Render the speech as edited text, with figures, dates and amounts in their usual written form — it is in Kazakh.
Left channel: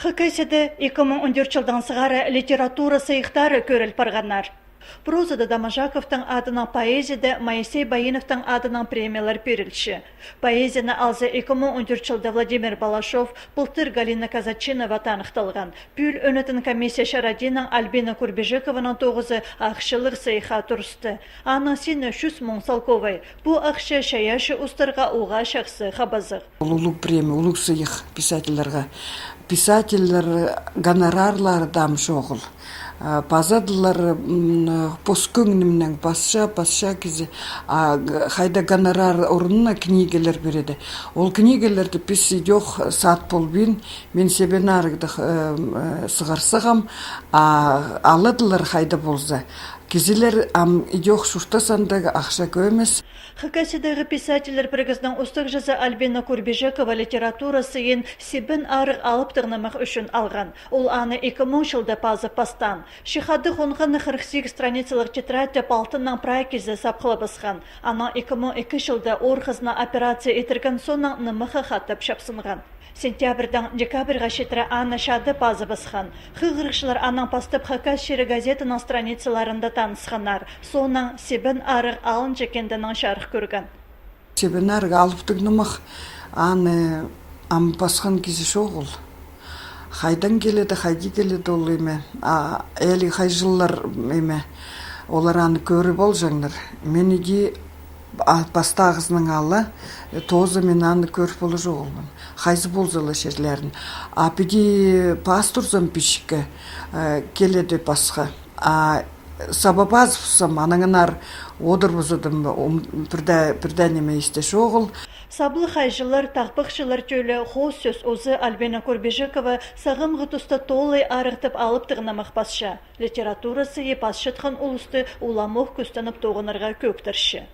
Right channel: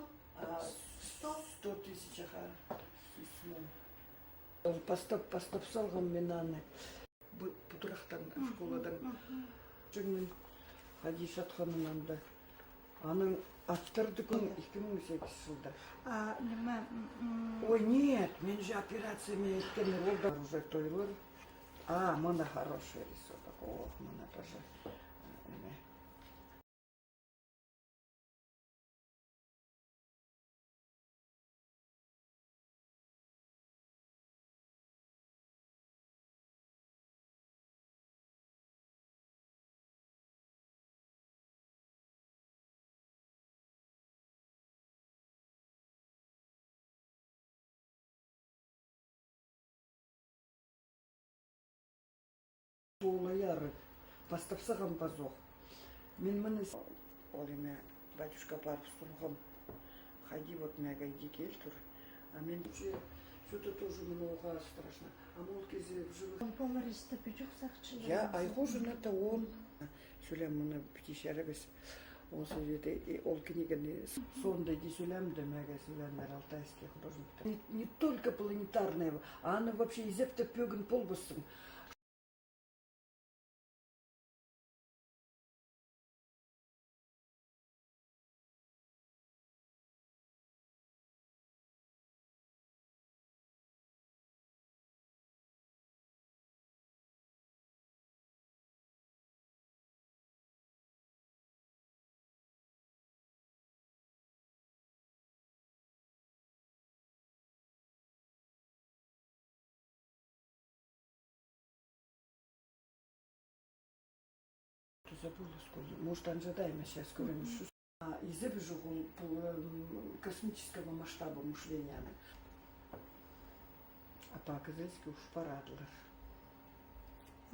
Хакайседі 2014 жылдан сығары литература сайықтары көріл парғанар. Прозада Дамажаковтың адынан поэзияда Моисей Баиновтың адынан премиялар берілші. Поэзияны алзы 2014 жылда Владимир Балашов, Пылтыр Галина Казачинова танықталған. Пүл өнетін комиссия Шарадиның Альбина Курбежековының тоғызы ақшылыр сайыға тұрысты. Аның сені шүс мұң салковай. Бұл ақшы шаяшы ұстарға уға шақсы қабазық. Улуг премия, улуг сайық писательлерға. Писательлер гонорарлары дам шоғыл. Пазадылар поскөңнімнің пасша кезі хайда гонорар орнына книгелер береді. Ол книгелерді пис идех сат полбин, мен себен арыгдық сығарсығам, алыдылар хайда болза. Кезелер идех шуштасандағы ақша көмес. Хакасидағы писательлер біргіздің ұстық жазы Альбина Курбежекова литературасы ен себін арық алып тығнымақ үшін алған. Ол аны 2000 жылда пазы пастан. Шихады қонғаны 48 страницалық тетрадьте палтынның прайкезі сапқылы басқан. Ана 2002 жылда орғызына операция етірген соның нымықы қаттап шапсынған. Сентябрдан декабрға шетірі аны шады пазы басқан. Хығырықшылар аның пастып Хакас шері газетінің страницаларында танысқанар. Соның себін арық алын жекендінің шарық көрген. Себін арық алып тігнімақ аны басқан кезі шоғыл. Хайдан келеді, хайди келеді ол еме. Әлі хай жыллар еме. Олар аны көрі бол жаңдар. Мен еге бастағызының алы, тозы мен аны көріп болы жоғылмын. Хайзы болзылы шерлерін. Апеде пастурзам пішкі келеді басқа. Сабабазовсам анаңынар одыр бұзыдым бірдәнеме істе шоғыл. Саблы хайжылар, тақпықшылар төлі хоз сөз өзі Альбина Курбежекова сағым ғытысты толай арықтып алып тығынамақ басша. Литературасы епас шытқан ұлысты уламов күстанып тоғынырға көктірші.